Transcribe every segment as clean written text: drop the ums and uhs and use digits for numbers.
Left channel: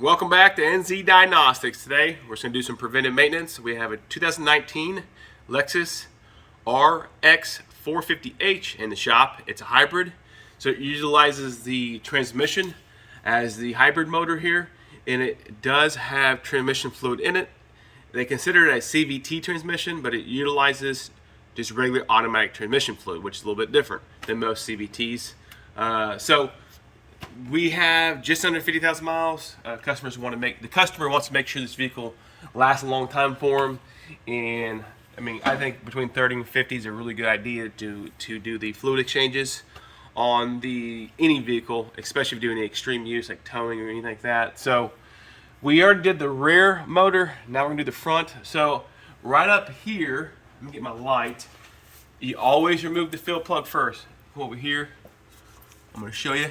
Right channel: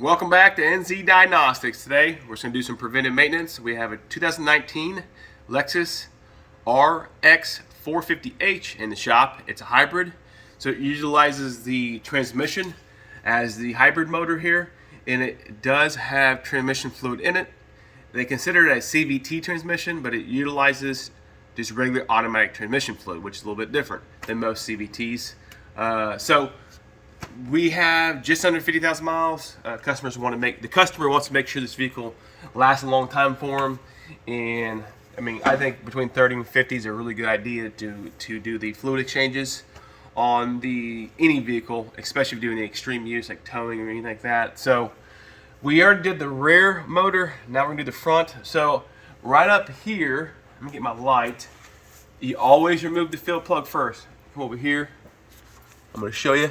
Welcome back to NZ Diagnostics. Today we're going to do some preventive maintenance. We have a 2019 Lexus RX 450h in the shop. It's a hybrid, so it utilizes the transmission as the hybrid motor here, and it does have transmission fluid in it. They consider it a CVT transmission, but it utilizes just regular automatic transmission fluid, which is a little bit different than most CVTs. So we have just under 50,000 miles. The customer wants to make sure this vehicle lasts a long time for him, and I think between 30 and 50 is a really good idea to do the fluid exchanges on any vehicle, especially if you're doing extreme use like towing or anything like that. So we already did the rear motor. Now we're gonna do the front. So right up here, let me get my light. You always remove the fill plug first. Come over here. I'm gonna show you.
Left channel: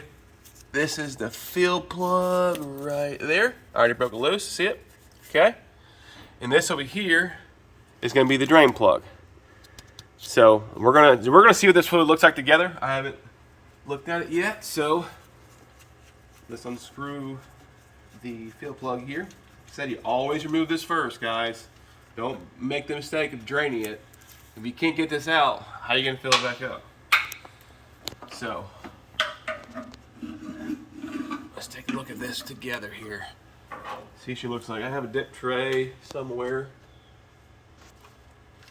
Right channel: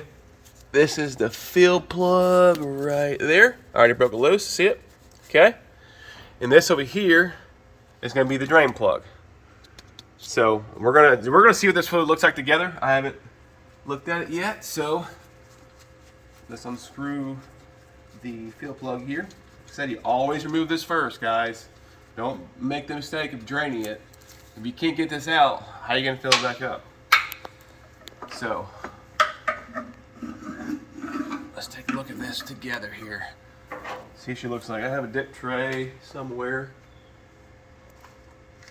This is the fill plug right there. I already broke it loose, see it? Okay. And this over here is gonna be the drain plug. So we're gonna see what this fluid looks like together. I haven't looked at it yet, so let's unscrew the fill plug here. Like I said, you always remove this first, guys. Don't make the mistake of draining it. If you can't get this out, how are you gonna fill it back up? So let's take a look at this together here. See what she looks like. I have a dip tray somewhere.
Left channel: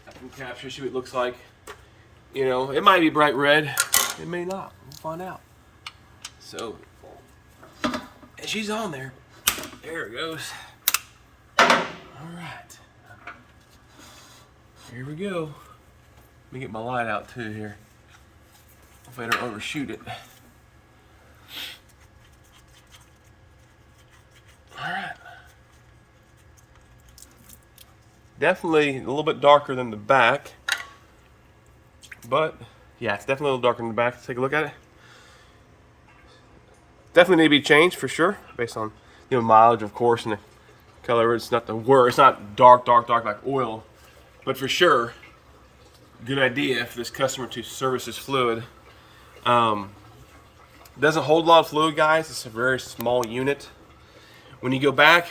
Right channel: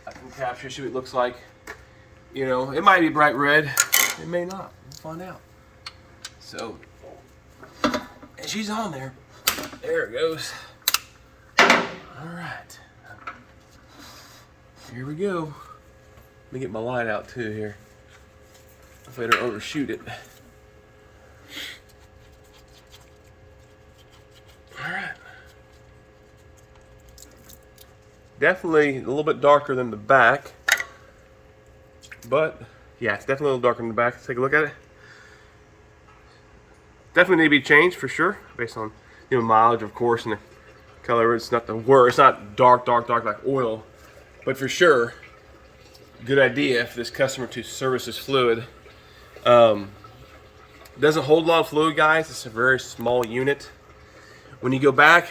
I can capture, see what it looks like. You know, it might be bright red. It may not. We'll find out. So, and she's on there. There it goes. All right. Here we go. Let me get my light out too here. If I don't overshoot it. Alright. Definitely a little bit darker than the back. But yeah, it's definitely a little darker than the back. Let's take a look at it. Definitely need to be changed for sure, based on mileage, of course, and the color. It's not the worst. It's not dark like oil, but for sure, good idea for this customer to service this fluid. Doesn't hold a lot of fluid, guys. It's a very small unit. When you go back,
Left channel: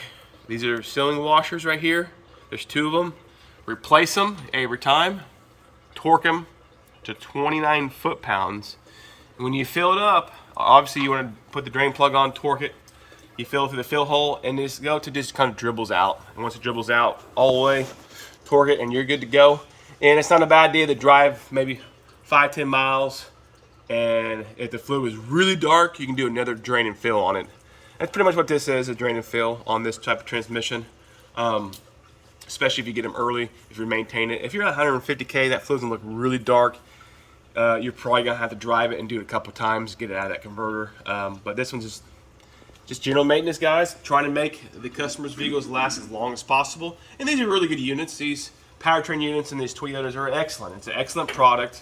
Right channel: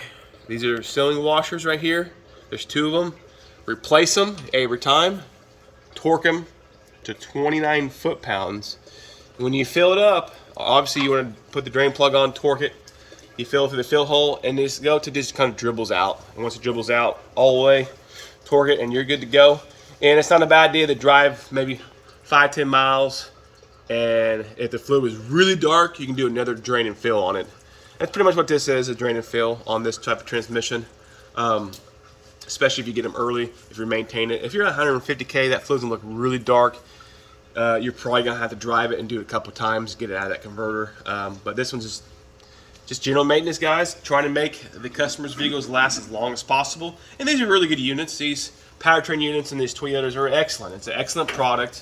these are sealing washers right here. There's two of them. Replace them every time. Torque them to 29 foot-pounds. When you fill it up, obviously you want to put the drain plug on, torque it. You fill it through the fill hole, and just kind of dribbles out. And once it dribbles out all the way, torque it, and you're good to go. And it's not a bad idea to drive maybe 5-10 miles. And if the fluid is really dark, you can do another drain and fill on it. That's pretty much what this is, a drain and fill on this type of transmission. Especially if you get them early, if you maintain it. If you're at 150K, that fluid's gonna look really dark. You're probably gonna have to drive it and do it a couple times, get it out of that converter. But this one's just general maintenance, guys. Trying to make the customer's vehicles last as long as possible. And these are really good units. These powertrain units and these Toyotas are excellent. It's an excellent product.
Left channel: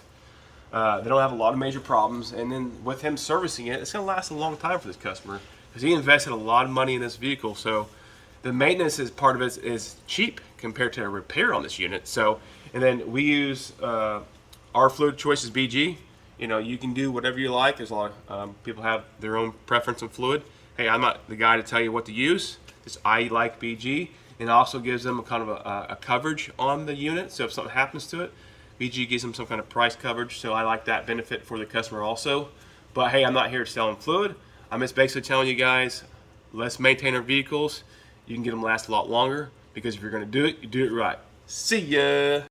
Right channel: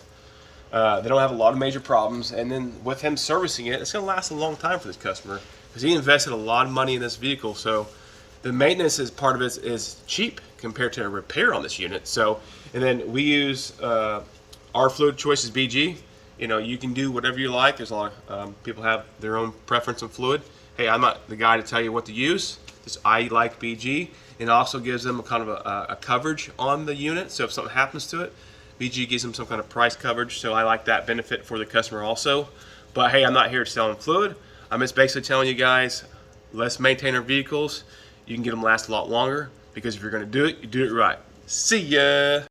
They don't have a lot of major problems. And then with him servicing it, it's gonna last a long time for this customer, because he invested a lot of money in this vehicle. So the maintenance part of it is cheap compared to a repair on this unit. So, and then we use our fluid choice is BG. You can do whatever you like. There's a lot of people have their own preference on fluid. Hey, I'm not the guy to tell you what to use. Just I like BG, and it also gives them a kind of a coverage on the unit. So if something happens to it, BG gives them some kind of price coverage. So I like that benefit for the customer also. But hey, I'm not here selling fluid. I'm just basically telling you guys, let's maintain our vehicles. You can get them last a lot longer, because if you're going to do it, you do it right. See ya!